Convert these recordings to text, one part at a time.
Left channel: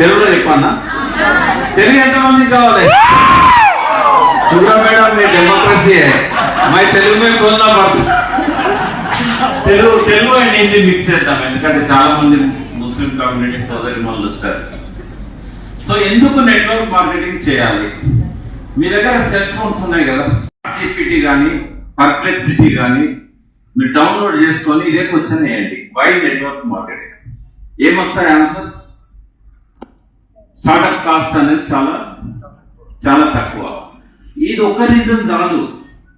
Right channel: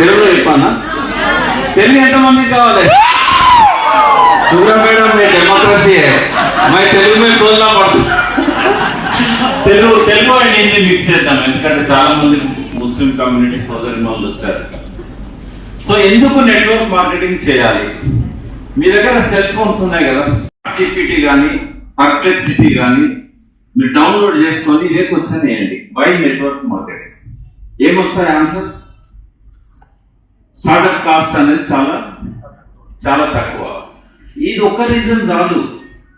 తెలుగులో చెప్పానా? తెలుగు ఎంతమందికి కావాలి? మేడం मैं डेमोक्रेसी है मैं తెలుగు में बोलना पड़ता తెలుగు అండ్ హిందీ మిక్స్ చేద్దాం, ఎందుకంటే చాలా మంది ముస్లిం కమ్యూనిటీ సోదరి వాళ్ళు వచ్చారు. సో ఎందుకు నెట్వర్క్ మార్కెటింగ్ చేయాలి? మీ దగ్గర సెల్ ఫోన్స్ ఉన్నాయి కదా, జీపీటీ కానీ పర్ప్లెక్సిటీ కానీ మీరు డౌన్లోడ్ చేసుకొని ఇదే క్వశ్చన్ వేయండి, వై నెట్వర్క్ మార్కెటింగ్. ఏమొస్తాయి ఆన్సర్స్? స్టార్ట్అప్ కాస్ట్ అనేది చాలా చాలా తక్కువ. ఇది ఒక్క రీజన్ చాలు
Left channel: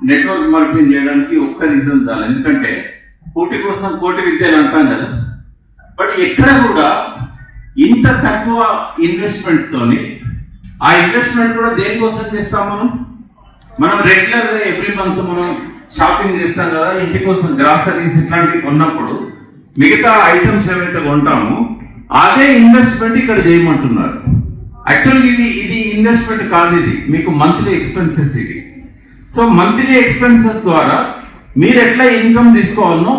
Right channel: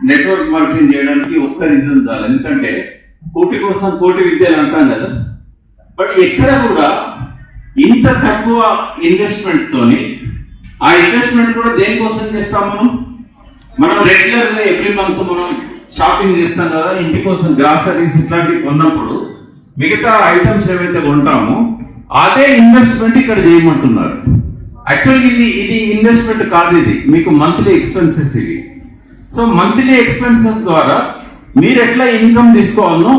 నెట్వర్క్ మార్కెటింగ్ చేయడానికి, ఒక్క రీజన్ చాలు. ఎందుకంటే కోటి కోసం కోటి విద్యలు అంటాం కదా, బట్ ఎక్కడ కూడా ఇంత తక్కువ ఇన్వెస్ట్మెంట్ తోని, ఆ ఇన్వెస్ట్మెంట్ కూడా దేనికోసం చేస్తాం మనం రెగ్యులర్ గా ఎవ్రీ మంత్ మనం షాపింగ్ చేస్తాం కదా, ఇంటి కోసం గ్రాసరీస్ ఇట్లాంటివి కొన్నప్పుడు మిగతా ఐటమ్స్ ఏవైతే కొంటామో అదే ఇన్వెస్ట్మెంట్ ఇక్కడ చేయమంటున్నారు. యాక్చువల్లీ ఇది ఇన్వెస్ట్మెంట్ కాదు, ఇది మీకు మంత్లీ ఎక్స్పెన్సెస్ ఇవి. సో మంత్లీ ఎక్స్పెన్సెస్ ద్వారా మీరు ఎట్లా ఇన్కమ్ తీసుకోవాలో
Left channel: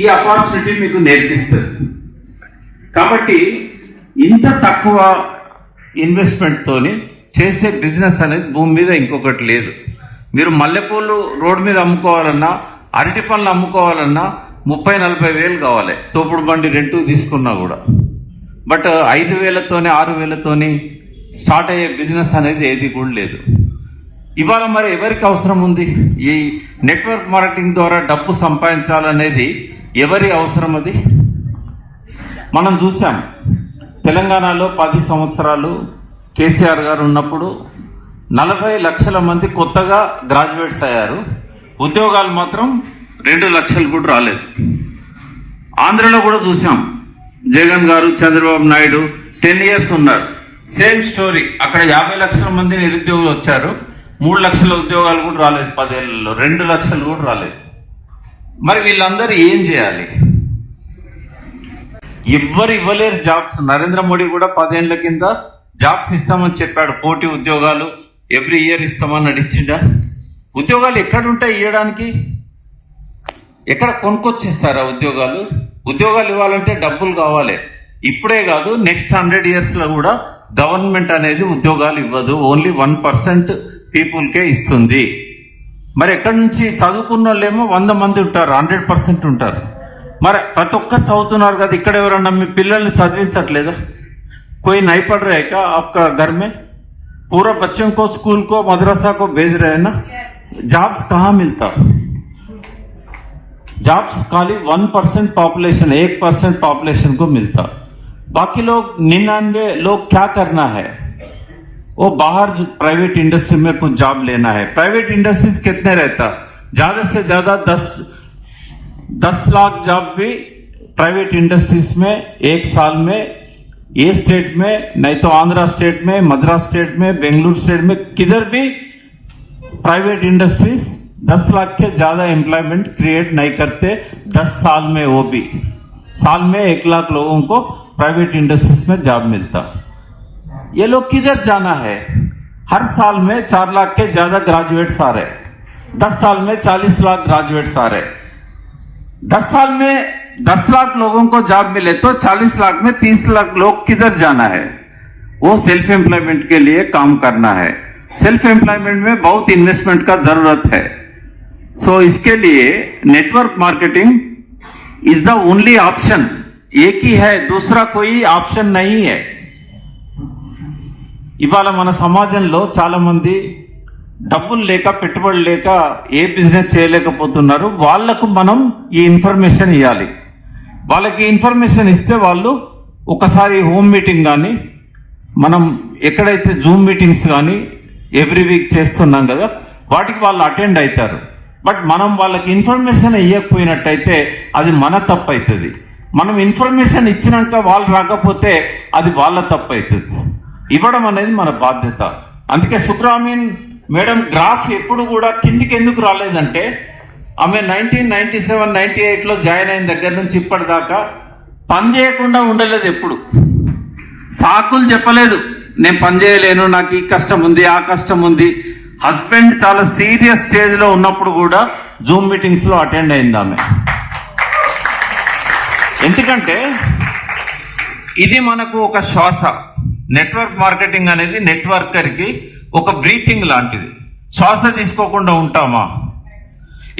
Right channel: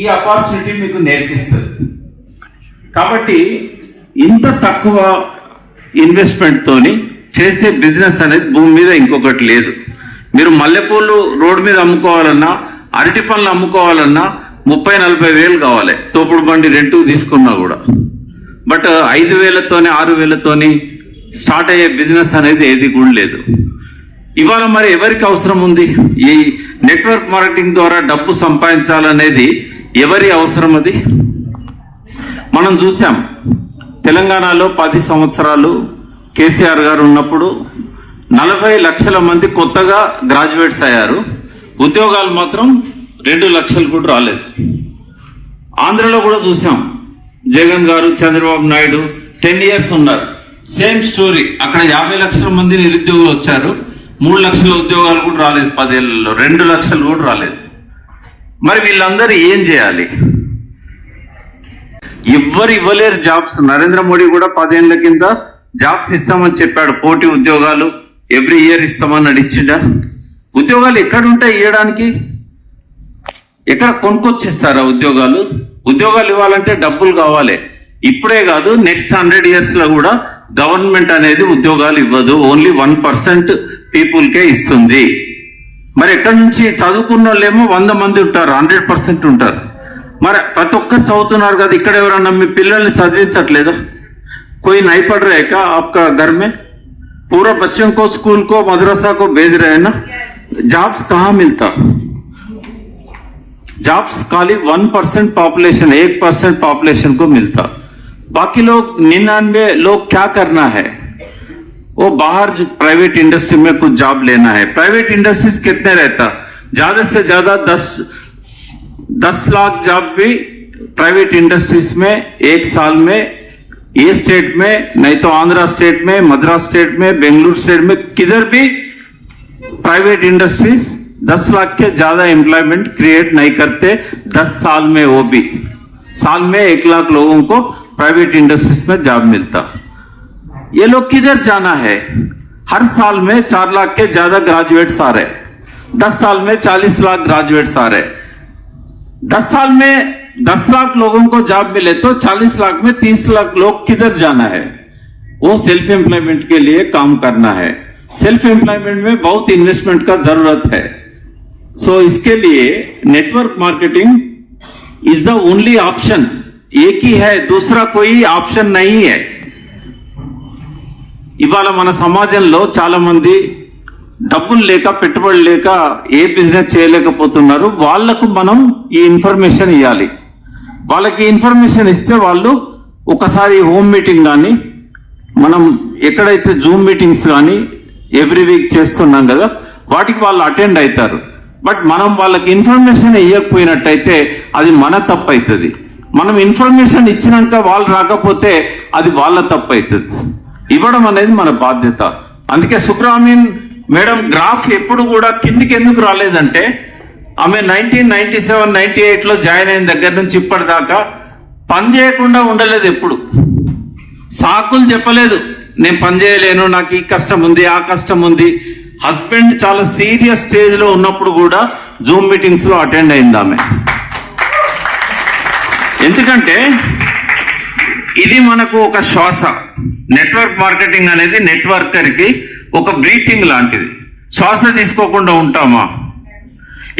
ఈ ఆపర్చునిటీ మీకు నేర్పిస్తుంది. కాబట్టి ఇంత తక్కువ ఇన్వెస్ట్మెంట్ తోని చేసే బిజినెస్ అనేది భూమి మీద ఇంకొకటి లేదు. మీరు మల్లెపూలు రోడ్డు మీద అమ్ముకోవాలన్నా, అరటి పళ్ళు అమ్ముకోవాలన్నా 30-40 వేలు కావాలి, తోపుడు బండి రెంట్ తీసుకున్నా కూడా. బట్ 5,000తోని 6,000తోని స్టార్ట్ అయ్యే బిజినెస్ అనేది ఏది కూడా లేదు. ఇవాళ మరి ఎవరికి అవసరం ఉంది? ఈ నెట్వర్క్ మార్కెటింగ్ ద్వారా డబ్బు సంపాదించాలనేది ఎవరి అవసరం? అది మనం చూసాం. తెలంగాణలో 10 సంవత్సరాలు కేసీఆర్ గారు ఉన్నప్పుడు 40 లక్షల మంది కొత్తగా గ్రాడ్యుయేట్స్ అయ్యారు, ఉద్యోగాలు మాత్రం 2 లక్షలు కూడా రాలేదు. ఆంధ్రలో కూడా చూసాం, జగన్ గారు, చంద్రబాబు నాయుడు 10 ఇయర్స్ ఉన్నారు, సేమ్ స్టోరీ. అక్కడ 50 లక్షల మంది నిరుద్యోగులు వచ్చారు, 3 లక్షల ఉద్యోగాలు కూడా రాలేదు 10 ఏళ్లలో, 2 లక్షలు కూడా రాలేదు. మరి వీళ్ళందరూ ఏం చేయాలి? ఎవ్వరు ఇవ్వలేరు జాబ్స్. నరేంద్ర మోడీ కూడా 10 ఏళ్ల కింద జాబ్స్ ఇస్తామని చెప్పాడు, కోటి ఉద్యోగాలు ఎవ్రీ ఇయర్ ఇస్తామని నడిచిండా? ఉద్యోగాలు ఎక్కడుంటాయి ఇవ్వడానికి? ఎక్కడ కొనుక్కొచ్చిస్తారా ఉద్యోగాలు? ఉద్యోగాలు ఇవ్వాలంటే డబ్బులు కావాలి. ఇప్పుడే కాదు, నెక్స్ట్ 100 years లో కూడా గవర్నమెంట్ అనేది ఉద్యోగాలు ఇవ్వదు, ఓన్లీ 1% పీపుల్కే ఇస్తుంది. మరి ఎక్కడి నుంచి? చదువుకున్న వాళ్ళేమో 100 మంది ఉంటారు, 100% ఉంటారు. మరి ప్రతి ఒక్కరు చదువుతున్నారు కదా, ఇక్కడ ఎవరన్నా మీ పిల్లల్ని చదివించట్లేదా? कोई नहीं पढ़ रहे क्या आपका घर में? पूरा बच्चों को स्कूल को मदरसा को भेज रहे हैं ना, जॉब्स कहाँ मिलता? जॉब्स खाली 1% पॉपुलेशन, 1% पॉपुलेशन को मिलता. बाकी लोग 99 लोग क्या करना है? वो बाहर प्राइवेट इंडस्ट्री में कुछ जॉब लेना है. प्राइवेट इंडस्ट्रीज कितने रहता? ज्यादा से ज्यादा 10 लाख जॉब भी प्राइवेट इंडस्ट्रीज में एक साल में, ये स्टेट में नहीं तो आंध्रा स्टेट में, मद्रास स्टेट में, बेंगलुरु स्टेट में, किधर भी प्राइवेट इंडस्ट्रीज 10 लाख के ज्यादा एम्प्लॉयमेंट क्रिएट नहीं करते 10 साल में. वो भी साल में 1 लाख लोगों को प्राइवेट इंडस्ट्रीज में जॉब मिलता. ये लोग किधर जाना है? हर साल में 4 लाख के ज्यादा ग्रेजुएट्स आ रहे, 10 साल में 40 लाख ग्रेजुएट्स आ रहे. 10 साल में 10 लाख लोगों को जॉब मिले तो 40 लाख में 30 लाख लोग किधर जाना है? वो सेल्फ एम्प्लॉयमेंट के लिए काम करना है. सेल्फ एम्प्लॉयमेंट में बहुत इन्वेस्टमेंट का जरूरत है. सो इसके लिए network marketing is the only option. एक ही है, दूसरा कोई ऑप्शन नहीं है. ఇవాళ మన సమాజంలో చాలా మంది డబ్బులు లేక, పెట్టుబడులు లేక ఏ బిజినెస్ చేయలేకపోతున్నారు. వాళ్లకు మనం ఈ ఇన్ఫర్మేషన్ ఇవ్వాలి. వాళ్ళకి ఇన్ఫర్మేషన్ ఇస్తే వాళ్ళు ఒకసారి హోమ్ మీటింగ్ కానీ, మనం ఎక్కడైతే జూమ్ మీటింగ్స్ కానీ ఎవ్రీ వీక్ చేస్తున్నాం కదా, వాటికి వాళ్ళు అటెండ్ అవుతారు. బట్ మనం వాళ్ళకి ఇన్ఫర్మేషన్ ఇవ్వకపోయినట్టయితే అది మన తప్పు అవుతుంది. మనం ఇన్ఫర్మేషన్ ఇచ్చినాక వాళ్ళు రాకపోతే అది వాళ్ళ తప్పు అవుతుంది. ఇవ్వడం అనేది మన బాధ్యత. అందుకే సుబ్రహ్మణ్యన్ మేడం గ్రాఫ్ ఎప్పుడు కూడా కిందికి ఎందుకు రాలేదంటే, ఆమె 1997-98లో జాయిన్ అయిన దగ్గర నుంచి ఇప్పటిదాకా పని చేయకుండా ఉండలేదు. ఎప్పుడు సాకులు చెప్పలేదు, నేను పని చేయలేను, నాకు ఈ కష్టం ఉంది, ఆ కష్టం ఉంది. హస్బెండ్ చాలా సీరియస్ స్టేజ్ లో ఉన్నప్పుడు కూడా జూమ్ మీటింగ్స్ లో అటెండ్ అయింది ఆమె. ఎందుకంటే ఇది మనకు ఒక శ్వాస. నెట్వర్క్ మార్కెటింగ్ అనేది నెట్వర్కర్ కి ఒక బ్రీతింగ్ లాంటిది. శ్వాస తీసుకోకుండా ఉంటామా?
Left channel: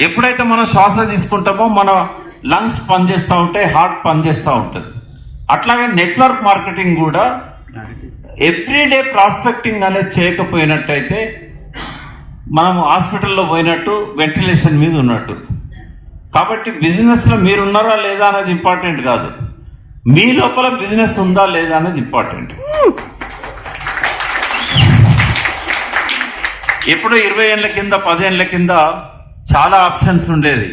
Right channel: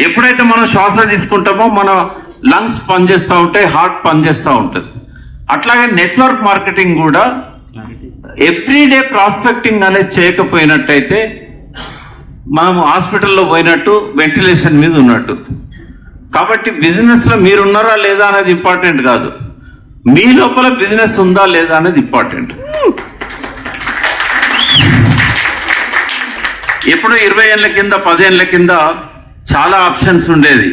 ఎప్పుడైతే మనం శ్వాస తీసుకుంటామో మన లంగ్స్ పనిచేస్తూ ఉంటాయి, హార్ట్ పనిచేస్తూ ఉంటుంది. అట్లాగే నెట్వర్క్ మార్కెటింగ్ కూడా ఎవ్రీడే ప్రాస్పెక్టింగ్ అనేది చేయకపోయినట్టయితే మనం హాస్పిటల్లో పోయినట్టు, వెంటిలేషన్ మీద ఉన్నట్టు. కాబట్టి బిజినెస్ లో మీరున్నారా లేదా అనేది ఇంపార్టెంట్ కాదు, మీ లోపల బిజినెస్ ఉందా లేదా అనేది ఇంపార్టెంట్. ఎప్పుడో 20 ఏళ్ల కింద 10 ఏళ్ల కింద చాలా ఆప్షన్స్ ఉండేది,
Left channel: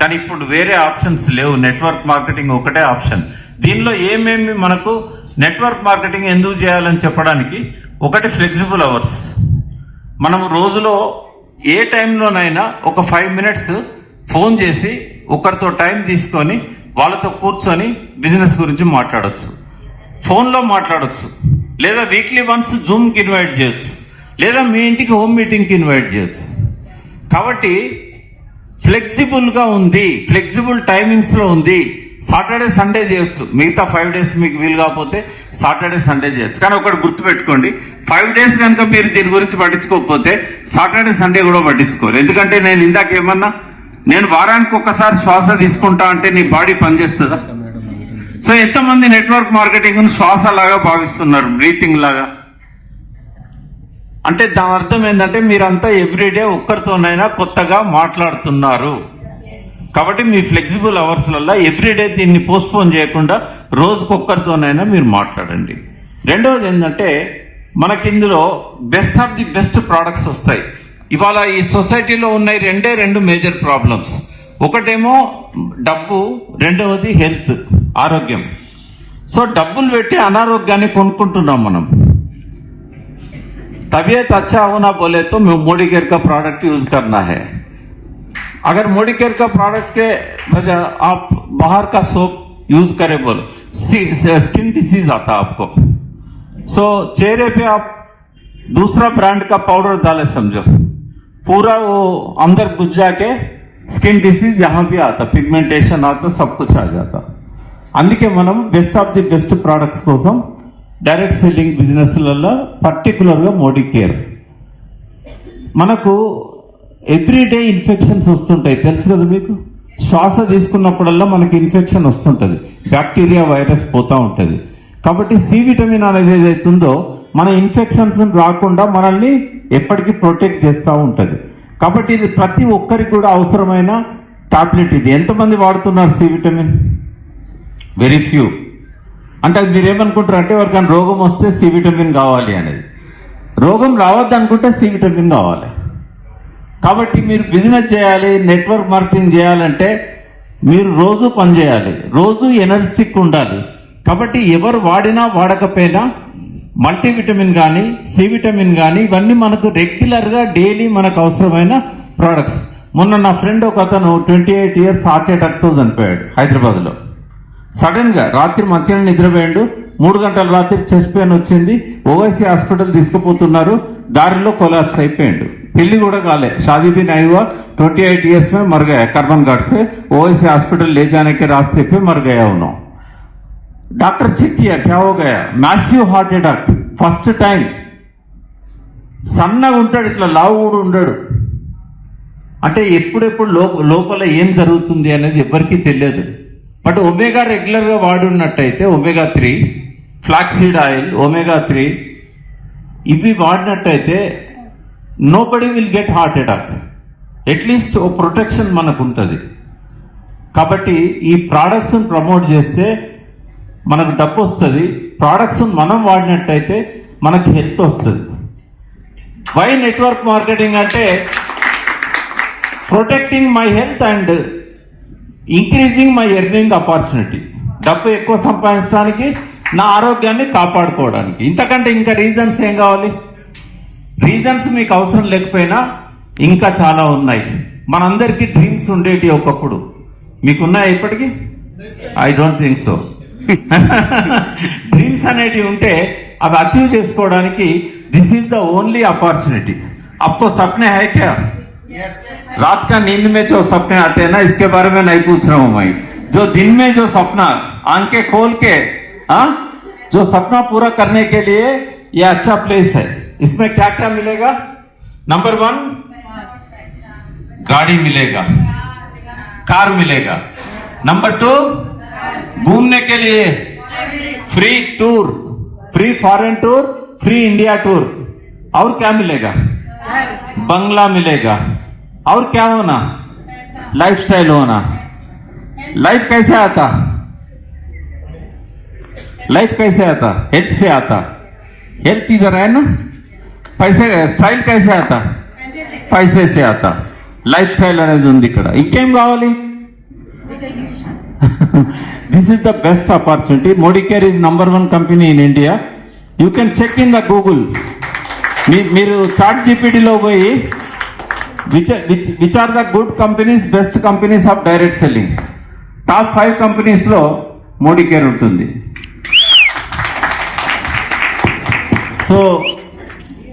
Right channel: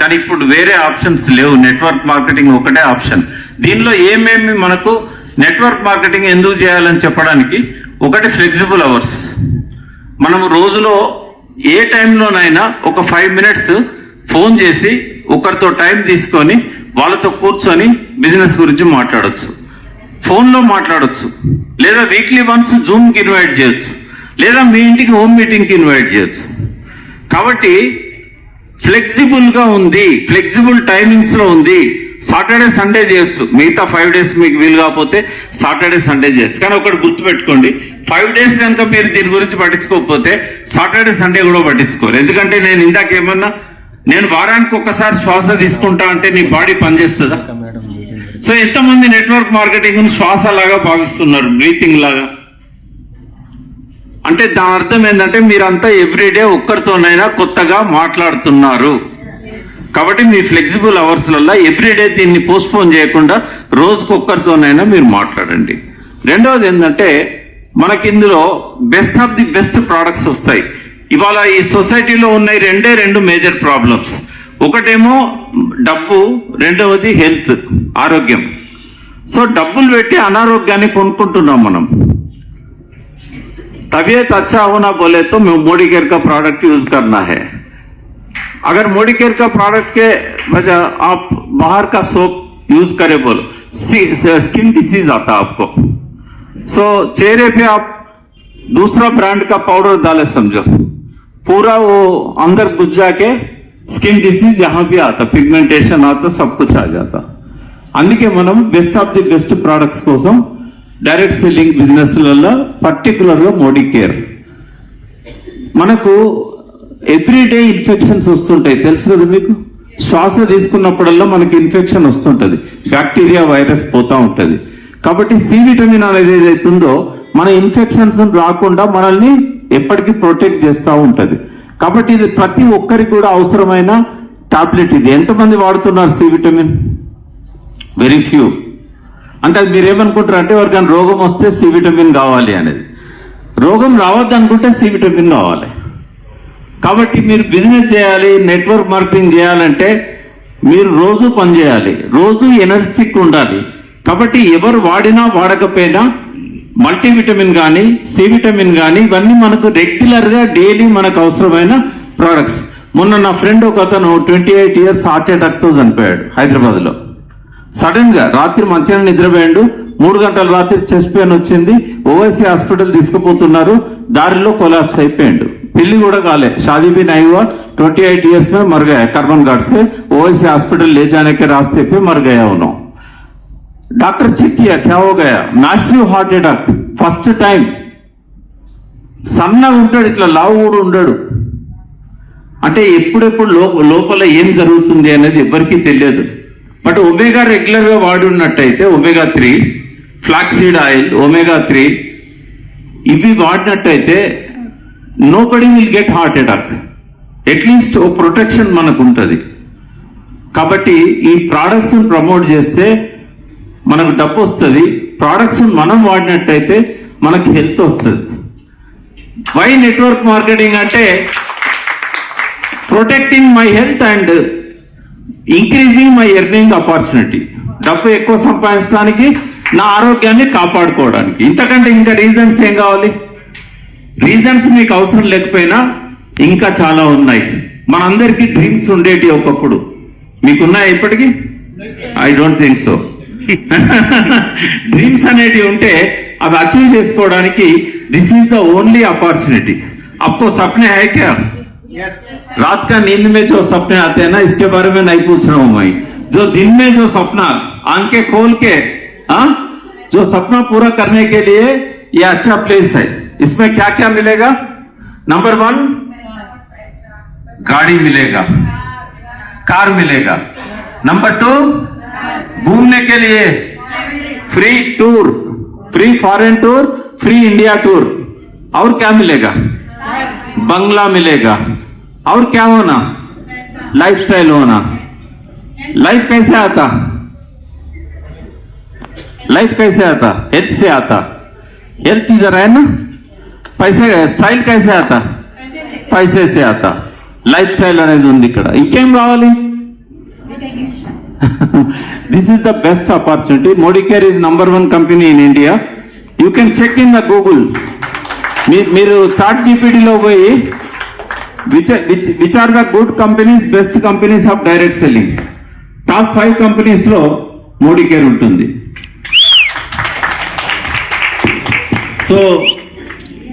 కానీ ఇప్పుడు వేరే ఆప్షన్స్ లేవు. నెట్వర్క్ మార్కెటింగ్ ఒకటే ఆప్షన్. దీనిలో ఏమేమి మనకు నెట్వర్క్ మార్కెటింగ్ ఎందుకు చేయాలని చెప్పడానికి, ఒకటి ఫ్లెక్సిబుల్ అవర్స్. మనం రోజులో ఏ టైంలోనైనా ఒక 5 మినిట్స్ ఫోన్ చేసి ఒకరితో టైం తీసుకొని వాళ్ళతో కూర్చొని బిజినెస్ గురించి మాట్లాడొచ్చు, ఫోన్లో మాట్లాడొచ్చు, లేదా వీక్లీ వన్స్ జూమ్కి ఇన్వైట్ చేయొచ్చు, లేదా మీ ఇంటికి హోమ్ మీటింగ్కి ఇన్వైట్ చేయొచ్చు. కాబట్టి ఫ్లెక్సిబుల్గా ఉంది, ఫ్లెక్సిబుల్ టైమింగ్స్ లో ఉంది. సాటర్డే సండే చేయొచ్చు, మిగతా 5 డేస్ మీకు వీలు కాకపోతే సాటర్డే సండే చేయొచ్చు. కానీ ఒకటి గుర్తుపెట్టుకోండి, 5 డేస్ కనుక మీరు దీని గురించి పట్టించుకోకపోతే సాటర్డే సండే కూడా పట్టించుకోరు. ఎందుకంటే నేను ఇందాక ఏమన్నా, నేను వారానికి ఒక్కసారి శ్వాస తీసుకుంటా అంటే నీ బాడీ పనిచేస్తుందా? సో ఎంతమంది నెట్వర్క్ మార్కెటింగ్ శ్వాస లాగా భావిస్తున్నారు, బ్రీతింగ్ లాగా? అంటే దాని అర్థం ఏంటంటే మీరంతా ఎవ్రీడే ఒక్కరితోనైనా కొత్తగా మాట్లాడుతున్నారు. కాబట్టి మీ ఫ్లెక్సిబుల్ అవర్స్లలో ఎవ్రీడే దీన్ని పోస్ట్పోన్ చేయకుండా రోజుకొక్కరితోనైనా మీరు మాట్లాడండి. రెండవది ఏంటంటే మనకి ఇందులో best of the best products వస్తాయి. ఇవాళ ఈ సొసైటీలో ఉన్నాయి రెండు మేజర్ ప్రాబ్లమ్స్. ఒకటేమో డబ్బు, రెండవది హెల్త్, ఆరోగ్యం. సో డబ్బులు పెట్టి అనారోగ్యాన్ని కొనుక్కుంటున్నాం మనం. तबीयत अच्छा होना बोले तो मोदी केयर का प्रोडक्ट यूज करना है. अगर मोदी केयर का प्रोडक्ट के वजह आप बाहर का सोप यूज करें बोलो, स्किन डिसीज आता आपको. सो चेहरे पे आप दूसरा ब्रांड का पाउडर डाले समझो, पूरा वो अंदर घुस जाके स्किन डिसीज यहाँ भी आता, पिगमेंटेशन आता, सब कुछ आ जाता. అందుకే మనం best of the best products కోసం డైరెక్ట్ సెల్లింగ్ బిజినెస్లలో పర్టికులర్గా మోడీ కేర్. మనకు ఎవ్రీడే ఇన్ఫెక్షన్స్ వస్తుంటాయి, తెలుసు కదా మీకు. శ్వాస తీసుకున్నప్పుడల్లా మనకి ఇన్ఫెక్షన్ వస్తుంటుంది, బ్యాక్టీరియా వైరస్ పోతూ ఉంటుంది. కాబట్టి సి విటమిన్ అనేది ఏదైతుందో మన ఇన్ఫెక్షన్స్ రాకుండా మనల్ని ఎప్పటికీ ప్రొటెక్ట్ చేస్తూ ఉంటుంది. కాబట్టి ఇది ప్రతి ఒక్కరికి కూడా అవసరమైన టాబ్లెట్. ఇది ఎంతమంది వాడుతున్నారు సి విటమిన్? Very few. అంటే మీరు ఏమనుకుంటారు అంటే ఎవరికైనా రోగం వస్తే సి విటమిన్ కావాలి అనేది. రోగం రావద్దు అనుకుంటే సి విటమిన్ కావాలి. కాబట్టి మీరు బిజినెస్ చేయాలి, నెట్వర్క్ మార్కెటింగ్ చేయాలంటే మీరు రోజు పని చేయాలి, రోజు ఎనర్జెటిక్ ఉండాలి. కాబట్టి ఎవరు వాడినా వాడకపోయినా మల్టీవిటమిన్ కానీ సి విటమిన్ కానీ ఇవన్నీ మనకు రెగ్యులర్గా డైలీ మనకు అవసరమైన ప్రోడక్ట్స్. మొన్న నా ఫ్రెండ్ ఒక అతను 28 ఇయర్స్ హార్ట్ అటాక్తో చనిపోయాడు హైదరాబాద్లో. సడన్ గా రాత్రి మంచిగా నిద్రపోయాడు, 3 గంటల రాత్రి చెస్ట్ పెయిన్ వచ్చింది, ఓవైసీ హాస్పిటల్ తీసుకుపోతున్నారు, దారిలో కొలాప్స్ అయిపోయాడు. పెళ్లి కూడా కాలే, शादी भी नहीं हुआ, 28 इयर्स में मर गया कर्बन घाट से. ओवैसी हॉस्पिटल ले जाने के रास्ते पे मर गया उन्होंने. डॉक्टर चेक किया, क्या हो गया? Massive heart attack, first time. సన్నగా ఉంటాడు, ఇట్లా లావు కూడా ఉండడు. అంటే ఎప్పుడెప్పుడు లోపల ఏం జరుగుతుంది అనేది ఎవరికీ తెలియదు. బట్ ఒమేగా రెగ్యులర్ గా వాడున్నట్టయితే ఒమేగా 3, ఫ్లాక్సీడ్ ఆయిల్, ఒమేగా 3 ఇవి వాడినట్టయితే nobody will get heart attack. At least ఓ ప్రొటెక్షన్ మనకు ఉంటుంది. కాబట్టి ఈ ప్రోడక్ట్స్ ప్రమోట్ చేస్తే మనకు డబ్బు వస్తుంది, ప్రోడక్ట్స్ మనం వాడినట్టయితే మనకు హెల్త్ వస్తుంది. వై నెట్వర్క్ మార్కెటింగ్ అంటే protecting my health and increasing my earning opportunity. డబ్బు ఎక్కువ సంపాదించడానికి, నా ఆరోగ్యాన్ని కాపాడుకోవడానికి. ఇంతకంటే ఇంకా రీజన్స్ ఏం కావాలి? రీజన్స్ మీకు అవసరం లేకపోయినా ఇంకా చాలా ఉన్నాయి. మనందరికీ డ్రీమ్స్ ఉండేటి ఒకప్పుడు. మీకున్నాయి ఇప్పటికీ? I don't think so. Dreams అనేటివి ఉంటే అవి అచీవ్ చేసుకోవడానికి దిస్ ఈज द ओनली अपॉर्चुनिटी. आपको सपने है क्या? रात का नींद में जो सपने आते हैं ना, इसके बारे में नहीं पूछ रहा हूं मैं. जो दिन में जो सपना आंखें खोल के जो सपना पूरा करने के लिए ये अच्छा प्लेस है. इसमें क्या क्या मिलेगा? नंबर 1 गाड़ी मिलेगा, कार मिलेगा. नंबर 2 घूमने के लिए free tour, free foreign tour, free India tour. और क्या मिलेगा? बंगला मिलेगा. और क्या होना? लाइफस्टाइल होना. लाइफ कैसे आता? लाइफ कैसे आता? हेल्थ से आता. हेल्थ इधर है ना. पैसे स्टाइल कैसे आता? पैसे से आता. లైఫ్ స్టైల్ అనేది ఉంది ఇక్కడ. ఇంకేం కావాలి? This is the best opportunity. Modicare is number 1 company in India. You can check in the Google. మీరు చాట్ జీపీటీలో పోయి which are the good companies, best companies of direct selling, top 5 companies లో Modi care ఉంటుంది. So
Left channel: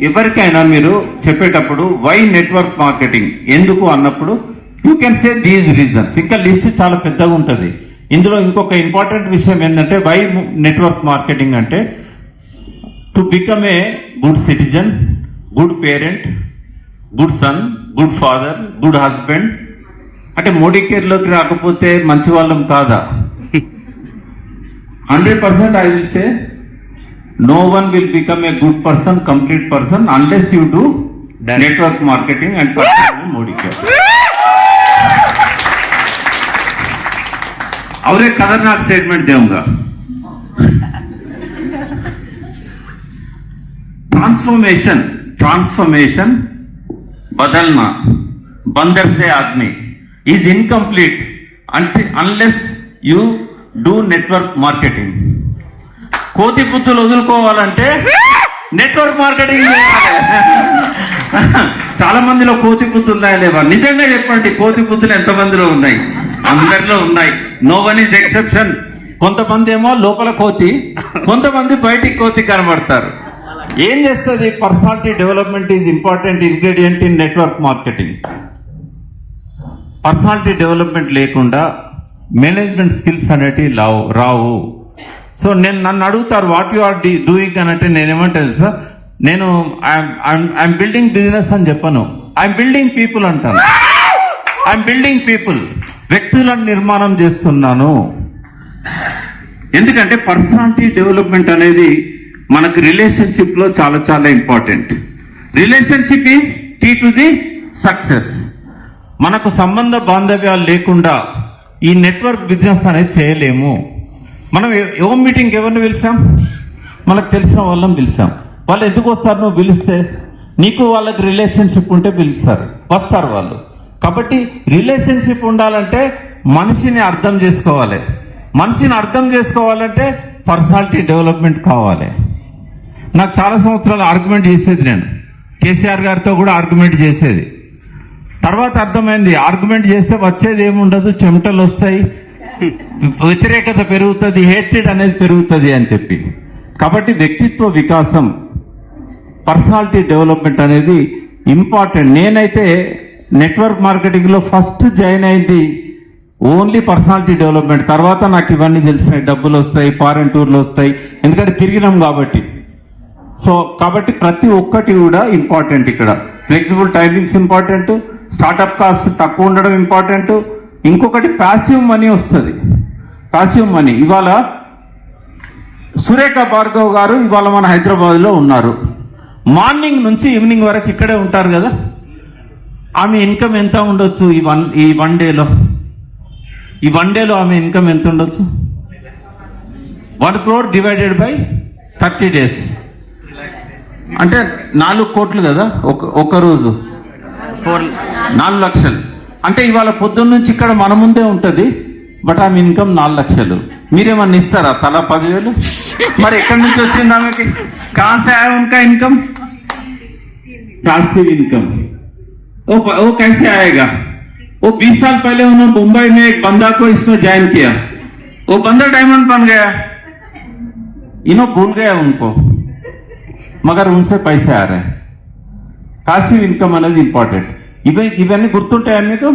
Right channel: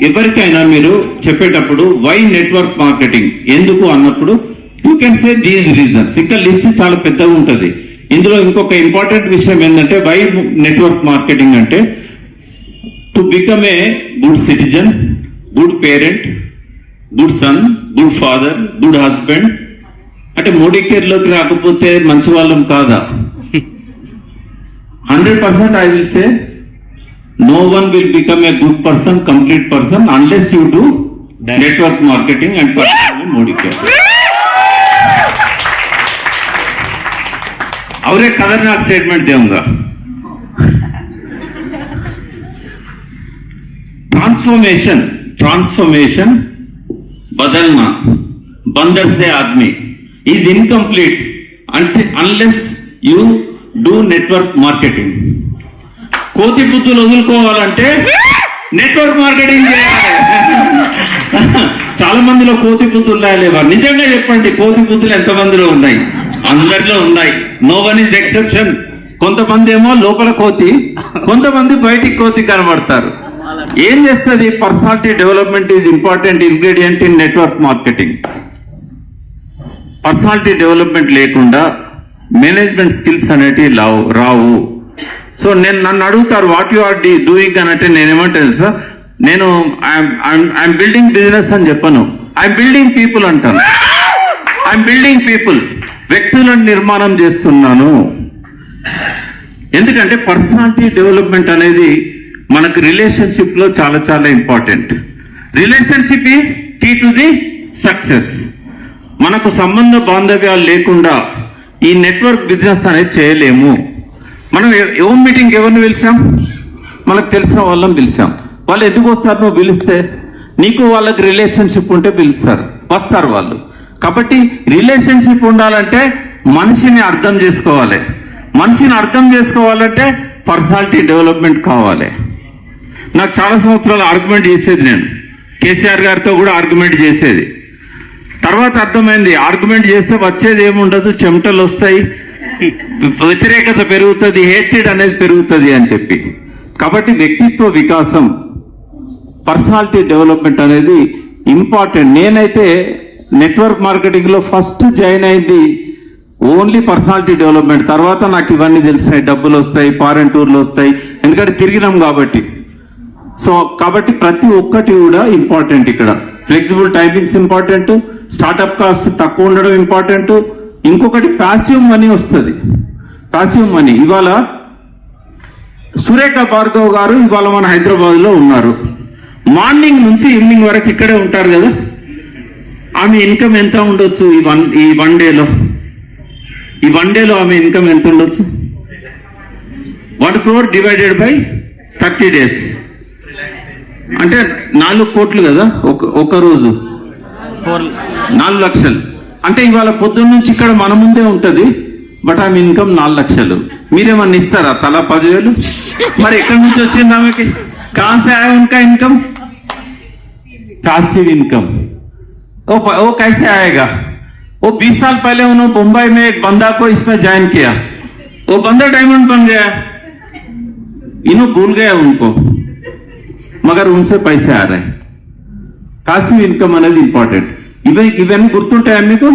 ఎవరికైనా మీరు చెప్పేటప్పుడు why network marketing ఎందుకు అన్నప్పుడు you can say these reasons. ఇంకా లిస్ట్ చాలా పెద్దగా ఉంటుంది. ఇందులో ఇంకొక ఇంపార్టెంట్ విషయం ఏంటంటే వై నెట్వర్క్ మార్కెటింగ్ అంటే to become a good citizen, good parent, good son, good father, good husband. అంటే మోడీ కేర్లోకి రాకపోతే మంచి వాళ్ళం కాదా? 100% I will say no one will become a good person, complete person unless you do network marketing and personally Modi care. और एक खतरनाक स्टेटमेंट दूंगा. ट्रांसफॉर्मेशन बदलना बंदर से आदमी is incomplete unless you do network marketing. కోతి పుత్తులు వదులుకోవాలంటే నెట్వర్క్ మార్కెటింగ్ చేయాలి. చాలా మందిలో కోతి పుత్తులు లేవా? నిజంగా చెప్పండి, కోతి పుత్తులు ఎంత మందిలో ఉన్నాయి? అందరిలో ఉన్నాయి. No one is exception. కొంతమంది ఏమో లోపల కోతి, కొంతమంది బయటికి కోతి కనబడతారు. ఏం చేస్తుంది? Personality development is important ingredient in network marketing. Personality development లేకుండా మేనేజ్మెంట్ స్కిల్స్ అనేటివి రావు. సో నన్ను అడుగుతారు వాట్ యు ఆర్ డూయింగ్ అని అంటే నేనేమంటాను సార్, నేను ఐఎమ్ బిల్డింగ్ బిజినెస్ అని చెప్పను, ఐఎమ్ బిల్డింగ్ పీపుల్ అంటాను. ఐఎమ్ బిల్డింగ్ పీపుల్, వ్యక్తులను నిర్మాణం చేస్తున్నాను. ఎందుకంటే పర్సనాలిటీ డెవలప్మెంట్ అనేది మనకు రిలేషన్షిప్ లో చాలా చాలా important. Relationship is key to the success. మనకు సంబంధ బాంధవ్యాలు లేకుండా ఈ నెట్వర్క్ బిజినెస్ అనేది చేయలేము. మనం ఓన్ మీటింగ్ ఎవరిని పిలిచాం? మనకు తెలిసిన వాళ్ళని పిలిచాం. వాళ్ళు ఎందుకు వస్తారు? నువ్వు పిలిస్తే నీకు వాళ్ళకి రిలేషన్షిప్ ఉంటే పిలుస్తారు, వస్తారు వాళ్ళు. కాబట్టి రిలేషన్షిప్ ఉండాలంటే మనిషిని అర్థం చేసుకోవాలి. మనిషిని అర్థం చేసుకోవాలంటే పర్సనాలిటీ డెవలప్మెంట్ కావాలి. నాకు చాలా సంవత్సరాలు ఆర్గ్యుమెంట్ చేసేది, నేను కేసీఆర్ గారితో కూడా ఆర్గ్యుమెంట్ చేసేది. తర్వాత అర్థమైంది ఆర్గ్యుమెంట్ చేస్తే వచ్చేది ఏముండదు, చెమటలు వస్తాయి, వ్యతిరేకత పెరుగుతుంది, హేట్రెడ్ అనేది పెరుగుతుంది అని చెప్పి. కాబట్టి వ్యక్తిత్వ వికాసం, పర్సనాలిటీ డెవలప్మెంట్ అనేది ఇంపార్టెంట్. నేనైతే నెట్వర్క్ మార్కెటింగ్ లో ఫస్ట్ జాయిన్ అయింది ఓన్లీ పర్సనాలిటీ డెవలప్మెంట్. తర్వాత నాకు ఇవన్నీ తెలిసినాయి, డబ్బులు వస్తాయి, ఫారెన్ టూర్లు వస్తాయి, ఎందుకంటే తిరిగినాం కాబట్టి. సో కాబట్టి ప్రతి ఒక్కటి కూడా ఇంపార్టెంట్. ఇక్కడ flexible timings important, startup cost తక్కువ ఉండడం ఇంపార్టెంట్. ఇంకొకటి ప్యాసివ్ మనీ వస్తుంది. ప్యాసివ్ మనీ ఇవాళ సురేఖ భార్గవ్ గారు ఇవాళ మన హైదరాబాద్ లో ఉన్నారు. మార్నింగ్ నుంచి ఈవినింగ్ వరకు ఇక్కడే ఉంటారు కదా. ఆమె ఇన్కమ్ ఎంత ఉండొచ్చు ఈ వన్ డేలో? ఈ వన్ డేలో ఆమె ఇన్కమ్ ఎంత ఉండొచ్చు? 1 crore డివైడెడ్ బై 30 days అంటే 4 కోట్లు కదా. ఒక రోజు 4 లక్షలు. అంటే ఇవాళ పొద్దున్న నుంచి ఇక్కడ మన ముందే ఉంటది, బట్ ఆమె ఇన్కమ్ 4 లక్షలు. మీరేమన్నా ఇస్తారా తలా 10,000? మరి ఎక్కడి నుంచి వచ్చింది ఆమెకి? కాసే ఉనకా ఇన్కమ్ पैसिव इनकम वो कैसे आएगा? वो 20 साल पहले उन्होंने मुंबई में एक बंदा को इसमें ज्वाइन किया, वो बंदा डायमंड बन गया, इन्हों भूल गया उनको, मगर उनसे पैसे आ रहे हैं. पैसिव इनकम అనేది ఇంపార్టెంట్. ఇవన్నీ గుర్తుంటాయా మీకు?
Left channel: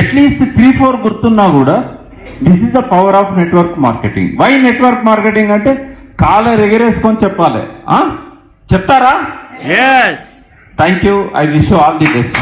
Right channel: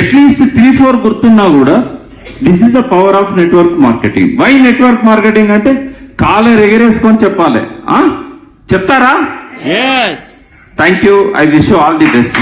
అట్లీస్ట్ 3-4 గుర్తున్నా కూడా this is the power of network marketing. Why network marketing అంటే కాలర్ ఎగరేసుకొని చెప్పాలి. చెప్తారా? Yes. Thank you. I wish you all the best.